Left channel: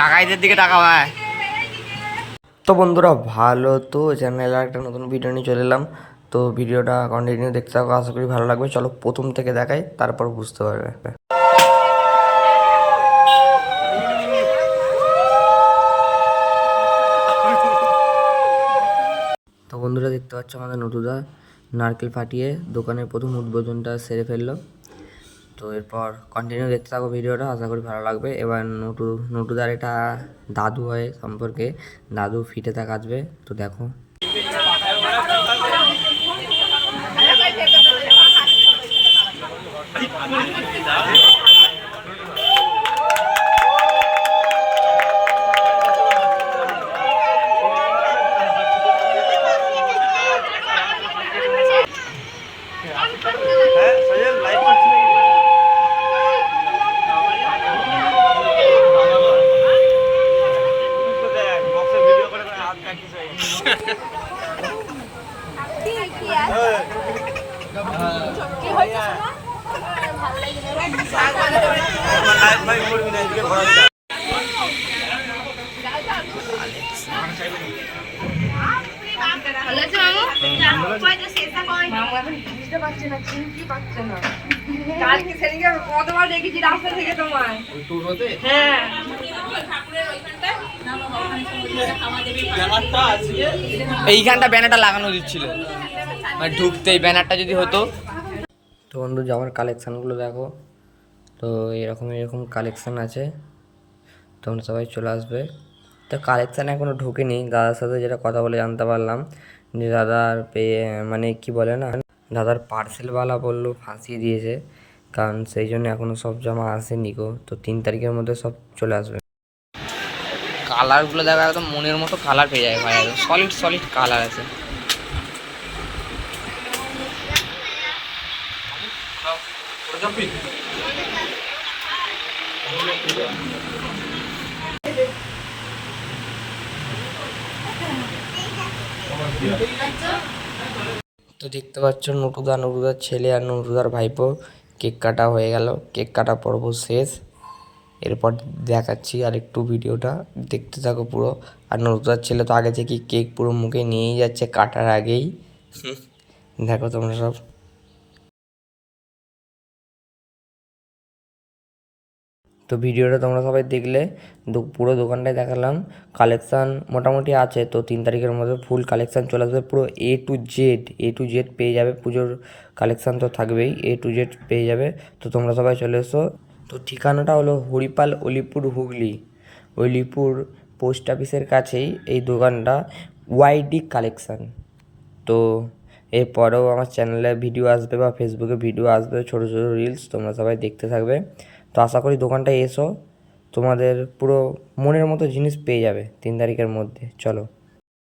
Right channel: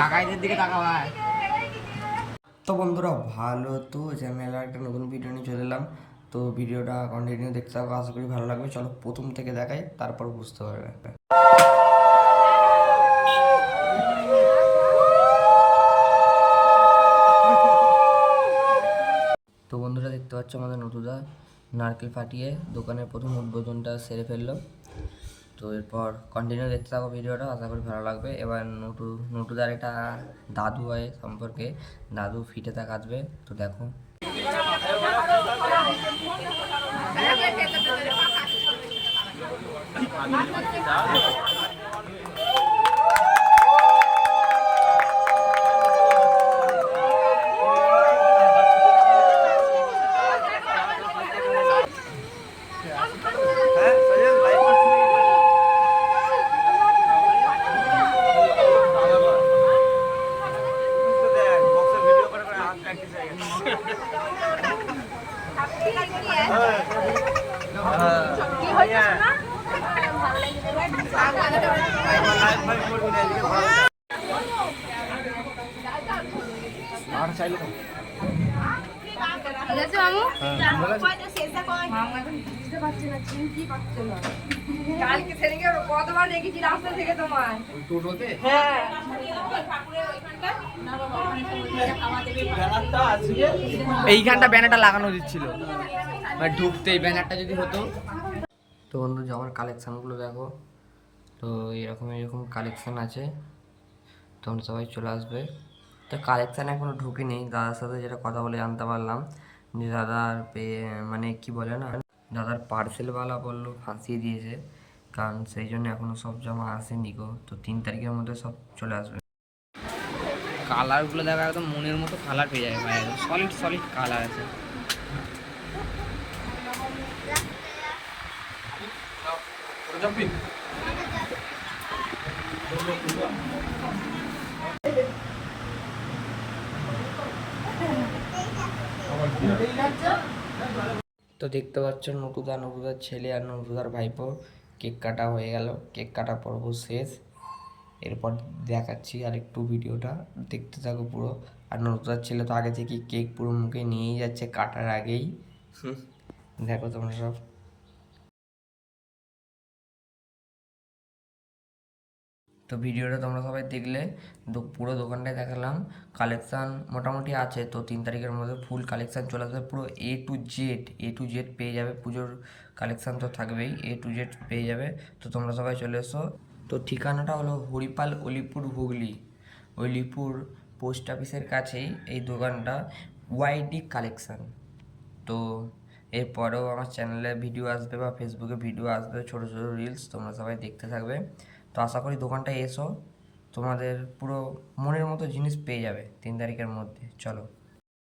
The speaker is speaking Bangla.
কাকাইদের দিকে ভাই তো বন্ধুরা, ভালো তো চ্যানেলে একটা নতুন ভিডিও নিয়ে চলে এলাম। তো ভিডিওটা কন্টিনিউ দেখতে থাকো, আশা করি ভালো লাগবে। চলো প্রথম থেকে দেখাই, তারপর বুঝতে পারবে। তো বন্ধুরা, দেখতে পাচ্ছ আমাদের নটুদা নারকেল ফাটিয়ে দোকানের প্রথম উদ্বোধনটা সেরে ফেলল। তো এরপর কন্টিনিউ দেখতে থাকো ভিডিওটা, আশা করি ভালো লাগবে। এবার নটু, নটুদার এটা দাদু হয় সম্পর্কে, দাদু ফিটে আসবে, তো দেখো। হ্যাঁ। এইখানটা ব্যানারটা লাগানো দিচ্ছিল মানে ঢুকতেই ব্যানারটা যদি হতো। তো বন্ধু জামার কালেকশানগুলো দেখো তো এরকম এরকম কালেকশান আছে। তোমরা সবাই চলে আসবে। তো কালেকশান এখনও ঢোকেনি। দাদার সাথে যেটা কথা বলে জানতে পারলাম যে দাদার পেয়ে মানে কি বলে না দাদার পার্সেলওয়ালা বলল ফাঁসিয়ে দিয়েছে। কারণ সেই জন্য এখনও সব জামা আসেনি গো। তো তিন তারিখের মধ্যে সব চলে আসবে। কালারগুলো দেখা একদম মনের মতো কালার পেয়ে যায় ভাই। একদম সলিড সলিড কালার আছে। তো দেখতে পাচ্ছ নটুদা, নটুদার ছেলে আর নটুদার ভাইপো। কেক কাটা হয়ে গেল। কেক কাটা পর্ব শেষ। এরপর দেখাচ্ছি আর একটু ভিডিওটা। দেখতে থাকো পুরো। আর নটুদার ছেলে তো আগে থেকে কেক পুরো মুখে নিয়েই যাচ্ছে কাটার আগেই। দেখো তোমরা সব। তো ভিডিওটা তোমরা সবাই দেখলে পুরো দোকানটায় দেখালাম। কালেকশান মোটামুটি আছে, তো তিন তারিখের মধ্যে ফুল কালেকশান চলে আসবে। পুরো A to Z A to Z পেয়ে যাবে, পুজোর কালেকশান তো থাকবেই এ টু জেড পেয়ে যাবে। তো তোমরা সবাই চলে এসো। তো ঠিকানাটা হলো হরিপাল অলিপুর হুগলি। অলিপুর পোস্ট অফিসের কাছেই এই দোকানটা ওয়াইডি কালেকশান তো এরপরেও আমার চ্যানেলে ভিডিও আসবে বা ফেসবুকে ভিডিও আসবে, ছোটো ছোটো রিলস তোমরা সবাই দেখতে থাকবে। তো আশা করি দোকানটায় এসো, তোমাদের পুরো মনের মতো জিনিস পেয়ে যাবে তিন তারিখের মধ্যে, চলো।